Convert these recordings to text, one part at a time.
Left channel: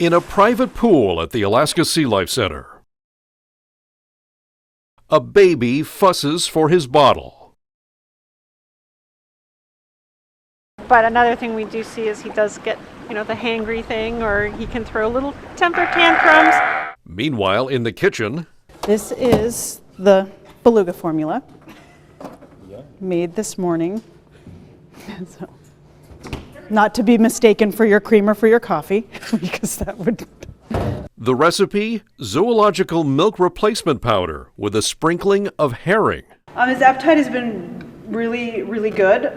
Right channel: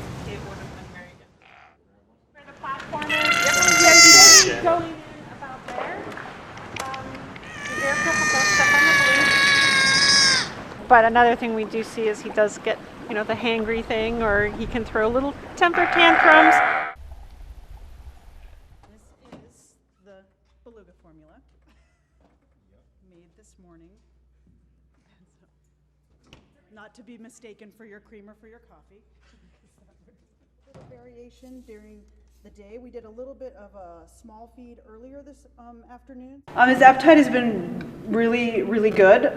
In a private pool at the Alaska SeaLife Center, a baby fusses for his bottle. But another thing we do see is he does get, the hangry thing, or he can throw little temper tantrums. Meanwhile, in the kitchen, this is the beluga formula made this morning. So, not to be mistaken for your cream or for your coffee, because that would... The recipe, zoological milk replacement powder with a sprinkling of herring. His appetite has been really, really good.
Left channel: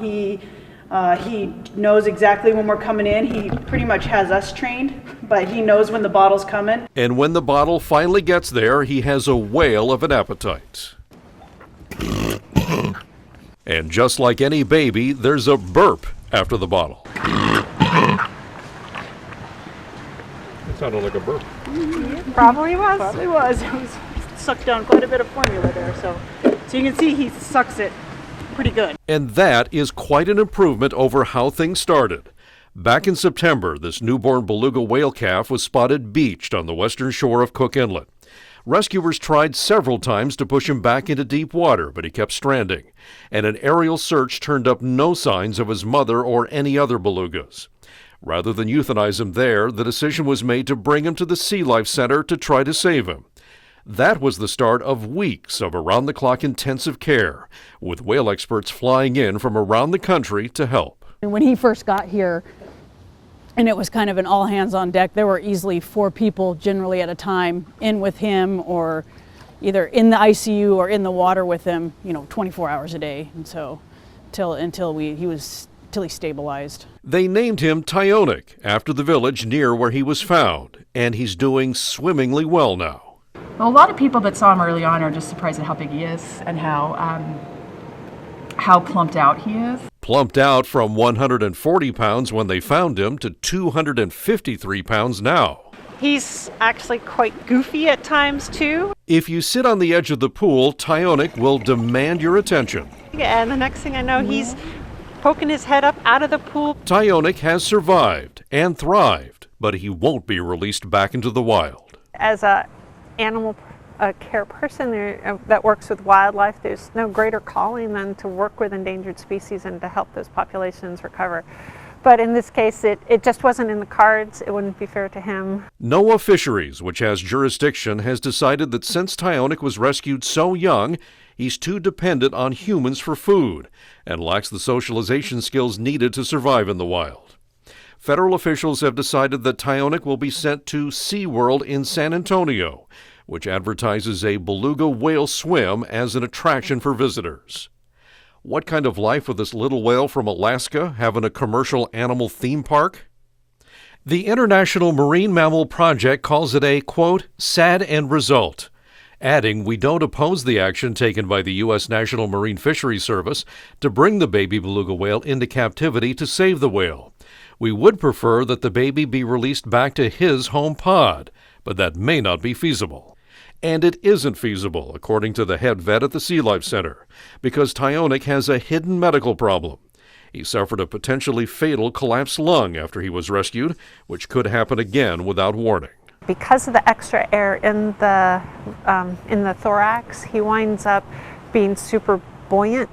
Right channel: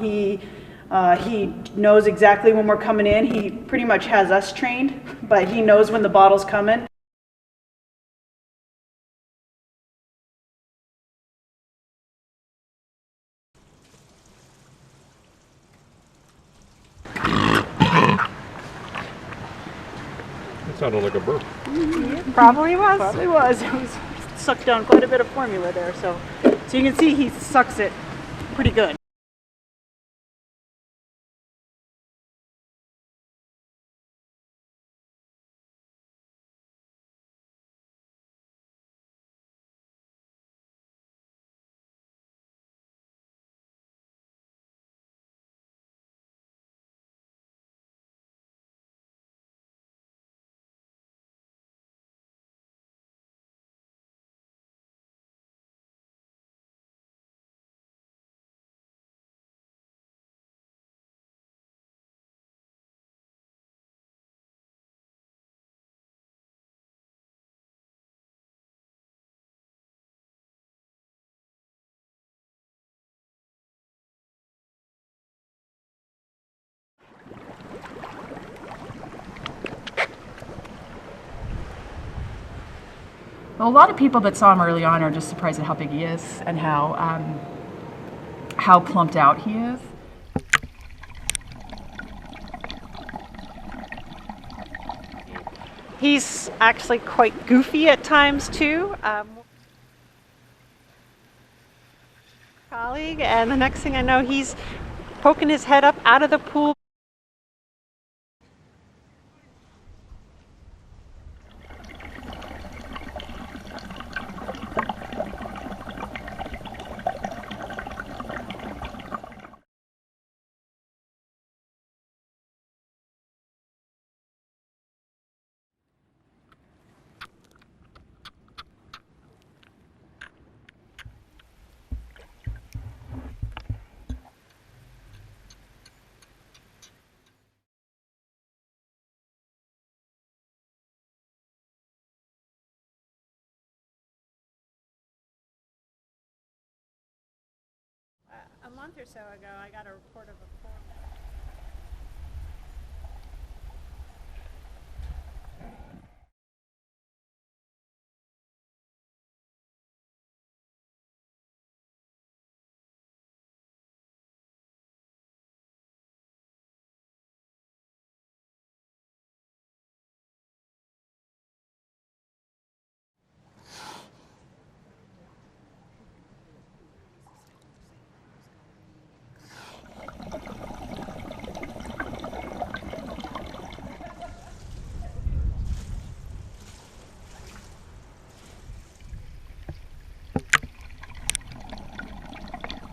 He knows exactly when we're coming in. He pretty much has us trained, but he knows when the bottle's coming. And when the bottle finally gets there, he has a whale of an appetite. And just like any baby, there's a burp after the bottle. It sounded like a burp. Probably was. Probably was. It was sucked down quite a bit of formula there, so you can see he sucks it pretty good. And that is quite an improvement over how things started. Back in September, this newborn beluga whale calf was spotted beached on the western shore of Cook Inlet. Rescuers tried several times to push him back into deep water, but he kept stranding. And an aerial search turned up no signs of his mother or any other belugas. Rather than euthanize him there, the decision was made to bring him to the SeaLife Center to try to save him. That was the start of weeks of around-the-clock intensive care, with whale experts flying in from around the country to help. When he first got here, and it was kind of an all hands on deck, there were easily 4 people generally at a time in with him, or either in the ICU or in the water with him, 24 hours a day. And so until he stabilized. They named him Tyonek after the village near where he was found, and he's doing swimmingly well now. Well, a lot of people that saw him early on are just surprised at how big he is and how plumped out he is. Plumped out from 140 pounds when they found him to 253 pounds now. He's actually quite goofy at times, too. If you sit on the edge of the pool, Tyonek will demand your attention. And the next thing I know, he's poking his head up out of the pool. Tyonek has survived and thrived, but he won't be released back into the wild. As a animal care person that works with wildlife, there's no greater calling than to work with endangered species and to help those populations recover. But in this case, it just wasn't in the cards. It wouldn't be fair to him. NOAA Fisheries, which has jurisdiction, has decided that since Tyonek was rescued so young, he's too dependent on humans for food and lacks the socialization skills needed to survive in the wild. Federal officials have decided that Tyonek will be sent to SeaWorld in San Antonio, which advertises a beluga whale swim as an attraction for visitors. What kind of life would this little whale from Alaska have in a commercial animal theme park? The International Marine Mammal Project calls it a, quote, sad end result, adding, we don't oppose the action taken by the U.S. National Marine Fisheries Service to bring the baby beluga whale into captivity to save the whale. We would prefer that the baby be released back to his home pod, but that may not be feasible. And it isn't feasible, according to the head vet at the SeaLife Center, because Tyonek has a hidden medical problem. He suffered a potentially fatal collapsed lung after he was rescued, which could happen again without warning. Because of the extra air in the thorax, he winds up being super buoyant,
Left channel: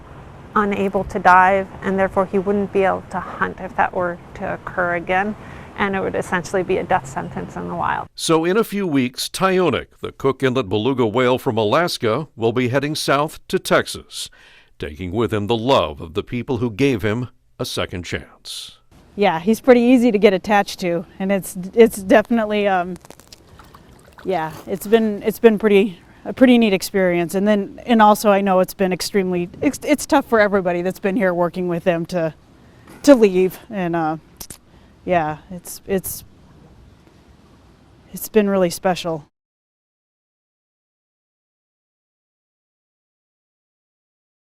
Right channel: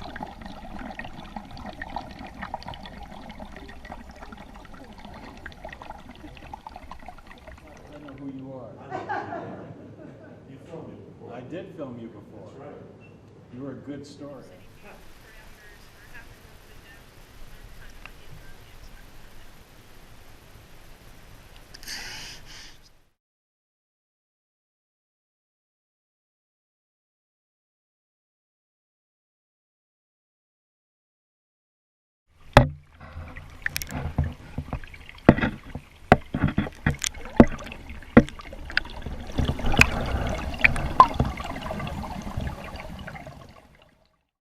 unable to dive, and therefore he wouldn't be able to hunt if that were to occur again, and it would essentially be a death sentence in the wild. So in a few weeks, Tyonek, the Cook Inlet beluga whale from Alaska, will be heading south to Texas, taking with him the love of the people who gave him a second chance. Yeah, he's pretty easy to get attached to, and it's definitely it's been a pretty neat experience. And also I know it's been it's tough for everybody that's been here working with them to leave, and it's been really special.